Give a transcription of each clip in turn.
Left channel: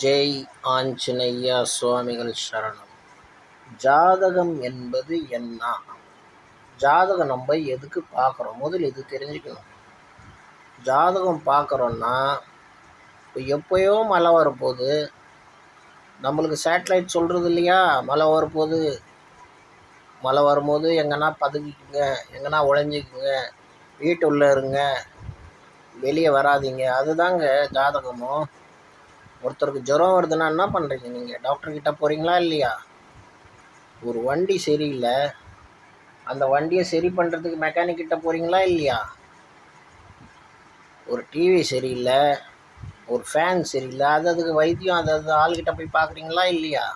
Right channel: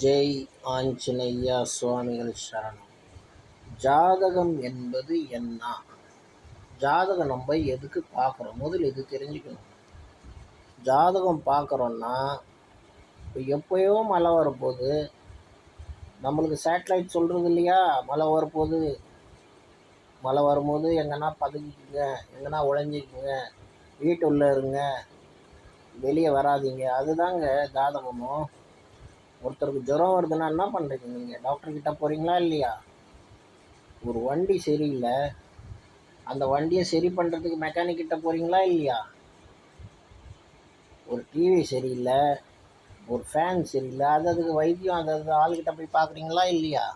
ஜெய் ஆஞ்சநேயா சுவாமிகள் சரணம். ஜாதகம் என்பது என்ன? ஜாதகம் நம்ம எதுக்கு பார்க்குறோம்? முதல்ல இது தெரிஞ்சுக்கணும். ஜாதகம் பார்க்குறோன்னா, இப்போ எப்போயோ மழை வரப்போகுது, நம்மளுக்கு சேட்டலைட் சொல்கிறது இல்லையா, மழை வரப்போகுது, மழை வரும்போது எங்கன்னா பதுங்கிக்குங்க, எங்கன்னா ஒளிஞ்சிக்குங்க, வீட்டு உள்ளே இருங்க, வெளியே வராதிங்க. அதுதாங்க ஜாதகமும். ஒருத்தருக்கு ஜுரம் வருதுன்னா என்ன பண்ணுறீங்க? நீங்கள் டாக்டர்கிட்ட போகிறீங்களா இல்லையா? ஒரு வண்டி சரியில்லை, அந்த வண்டியை சரி பண்ணுறதுக்கு மெக்கானிக் கிட்ட போகிறீங்களா இல்லையா? ஒரு டிவி சரியில்லை, ஒரு ஃபேன் சரியில்லை, அதுக்கு வைத்தியம் அது ஆள்கிட்ட போய் பார்க்குறீங்களா இல்லையா?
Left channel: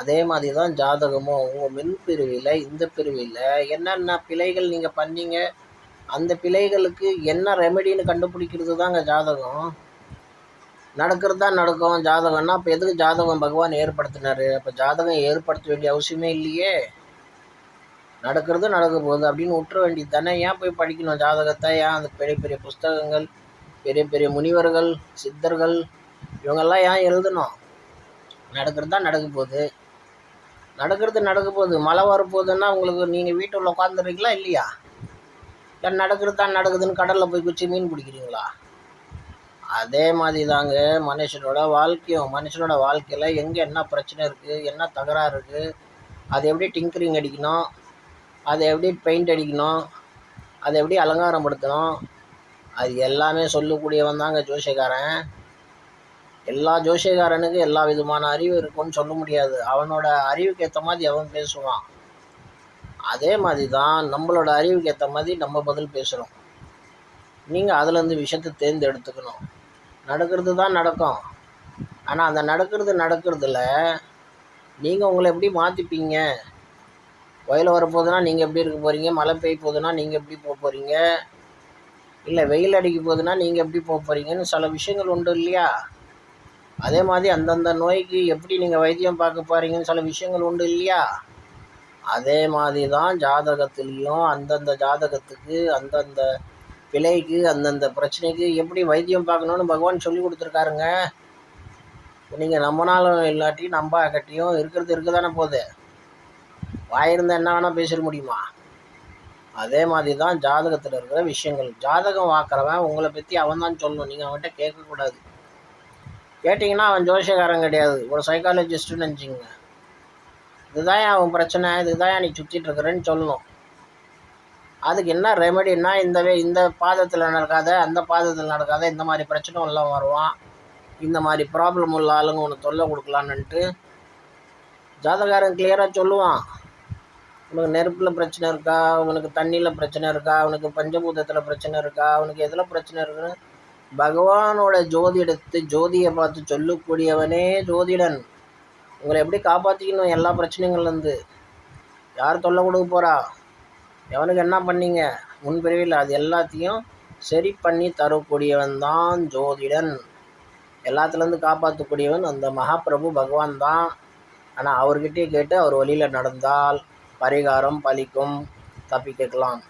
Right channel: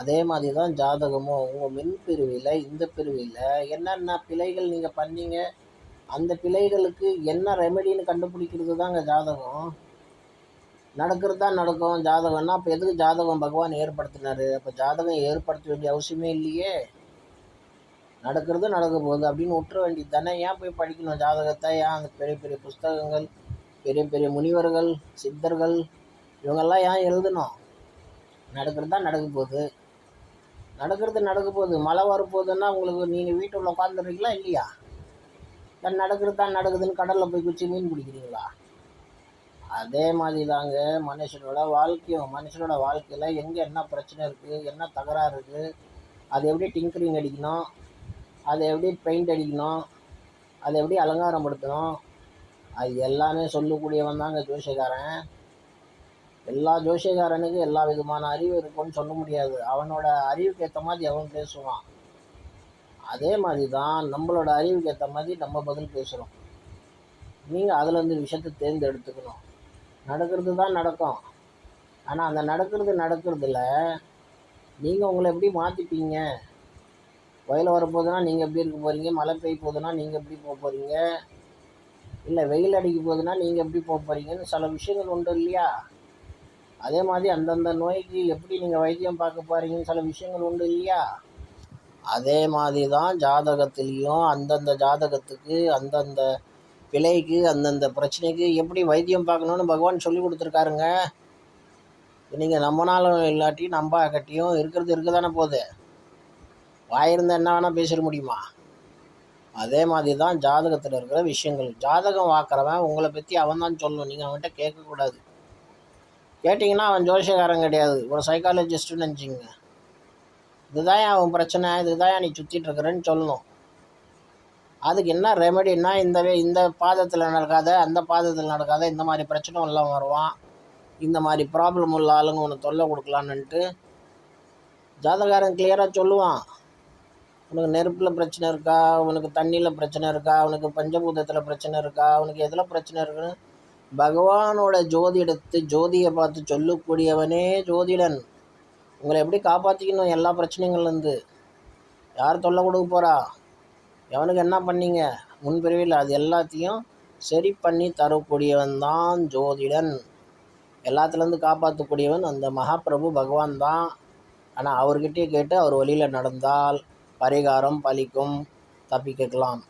அதே மாதிரி தான் ஜாதகமும். உங்கள் மின் பிரிவில் இந்த பிரிவில் என்னென்ன பிழைகள் நீங்கள் பண்ணீங்க, அந்த பிழைகளுக்கு என்ன ரெமெடின்னு கண்டுபிடிக்கிறது தாங்க ஜாதகம். நடக்கிறது தான் நடக்கும். ஜாதகம்னா அப்போ எதுக்கு ஜாதகம் பகவான் ஏற்படுத்தினார்? அப்போ ஜாதகம் ஏற்படுத்த வேண்டிய அவசியமே இல்லையே. நடக்கிறது நடக்க போகுது அப்படின்னு விட்டுற வேண்டியது தானே. ஏன் போய் படிக்கணும் ஜாதகத்தை? ஏன் அந்த பெரிய பெரிய புஸ்தகங்கள், பெரிய பெரிய முனிவர்கள், சித்தர்கள் இவங்கெல்லாம் ஏன் எழுதணும்? நடக்கிறது தான் நடக்க போகுது. நடக்க போகுது. மழை வரப்போகுதுன்னா உங்களுக்கு நீங்கள் வீட்டில் உட்காந்துருக்கீங்களா இல்லையா? இல்லை நடக்கிறது தான் நடக்குதுன்னு கடலில் போய் குச்சி மீன் பிடிக்கிறீங்களா? அதே மாதிரி தாங்க மனுஷனோட வாழ்க்கையும். மனுஷனோட வாழ்க்கையில் எங்கே என்ன பிரச்சனை இருக்குது, என்ன தகராறு இருக்குது, அதை எப்படி டிங்கரிங் அடிக்கணும், அதை எப்படி பெயிண்ட் அடிக்கணும், அதை எப்படி அலங்காரம் படுத்தணும், அது எல்லாமே சொல்லக்கூடியவன் தாங்க ஜோசியக்காரன். எல்லா ஜோசியக்காரனுக்கு எல்லா விதமான அறிவு இருக்குன்னு சொல்ல முடியாது. அவனோட அறிவுக்கு ஏற்ற மாதிரி அவன் பேசுவான். அதே மாதிரி தான் நம்மளோட அறிவுக்கு ஏற்ற மாதிரி நம்ம பதில் பேசுகிறோம். நீங்கள் அதுலேருந்து விஷயத்தை தேர்ந்தெடுத்துக்கணும். நடக்கிறது தான் நடக்கும். ஆனால் அந்த நடக்கிறதுல நீங்கள் உங்களை எப்படி மாற்றிப்பீங்க? வயல் வரப்போகுதுன்னா நீங்கள் எப்படி இருக்க போகிறீங்க? மழை பெய்ய போகுதுன்னா நீங்கள் எப்படி போக போகிறீங்க? இல்லை வெயில் அடிக்க போகுதுன்னா நீங்கள் எப்படி போக போகிறீங்கன்னு சில விஷயங்கள் உண்டு இல்லையா? அதே மாதிரி அந்தந்த நோய்க்கு எப்படி நீங்கள் வைத்தியம் பார்க்க போகிறீங்கன்னு சில விஷயங்கள் உண்டு இல்லையா? அதே மாதிரி தான் ஜாதகத்துலேயும் அந்தந்த ஜாதகத்துக்கு, அந்தந்த பிழைக்கு, அந்தந்த பிரச்சனைக்கு எப்படி வைத்தியம் பார்க்கணுன்னு பகவான் சொல்லி கொடுத்துருக்காருங்க. நீங்கள் நம்பினாலும் இல்லாட்டி நம்பாக்கட்டியும் இருக்கிறது இருக்க தானே போகுது. வாயிருந்தால் என்ன வேணால் பேசிட முடியுமா? அதே மாதிரி தான் ஜாதகத்தில் இருக்கிற விஷயங்கள். ஜாதகம் பார்க்குறவன் உங்களை பற்றி அவன் தான் சொல்லணும். நீங்கள் அவன்கிட்ட கேட்கக்கூடாது. கேட்டிங்கன்னா அவன் ஜோசியக்காரன் கிடையாது, ஒரு சைக்காலஜிஸ்ட்டுன்னு நினச்சிங்க. இதுதான் அவன் பிரச்சனை, இதுதான் நீ சுற்றிட்டு இருக்கிறேன்னு சொல்லணும். அதுக்கு என்ன ரெமெடின்னா, இந்த பாதத்தில் நடக்காத, அந்த பாதத்தில் நடக்காத, இந்த மாதிரி பிரச்சனை எல்லாம் வருவான், இந்த மாதிரி ப்ராப்ளம் உள்ள ஆளுங்க உனக்கு தொல்லை கொடுக்கலான்னுட்டு ஜாதகாரன் கிளியராக சொல்லுவான். உனக்கு நெருப்பில் பிரச்சனை இருக்கா, உனக்கு தண்ணியில் பிரச்சனை இருக்கா, உனக்கு பஞ்சபூதத்தில் பிரச்சனை இருக்கா, உனக்கு எதில் பிரச்சனை இருக்குன்னு பகவானோட ஜோதியை பார்த்து சொல்லக்கூடியவனே ஜோதிடன். உங்களை எப்படி காப்பாற்றிக்கணும் எல்லா பிரச்சனைகள்லேருந்து? யார் தொல்லை கொடுக்க போகிறா, எவனுக்கு என்ன பண்ணீங்க முன்பிரிவில், அது எல்லாத்தையும் சரி பண்ணி தரக்கூடியவன் தான் ஜோதிடன். எல்லாத்துலேருந்து காப்பாற்றக்கூடியவன் அந்த மகாபிரபு பகவான் தான். ஆனால் அவர்கிட்டயே கேட்டு அவர் வழியில் நடந்தால் பரிகாரம் பலிக்கும், தப்பிக்கலாம்.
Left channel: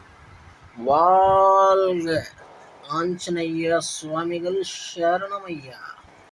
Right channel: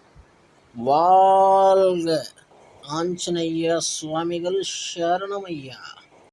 வாழ்க ஆஞ்சநேய சுவாமிகள் சரணமையா.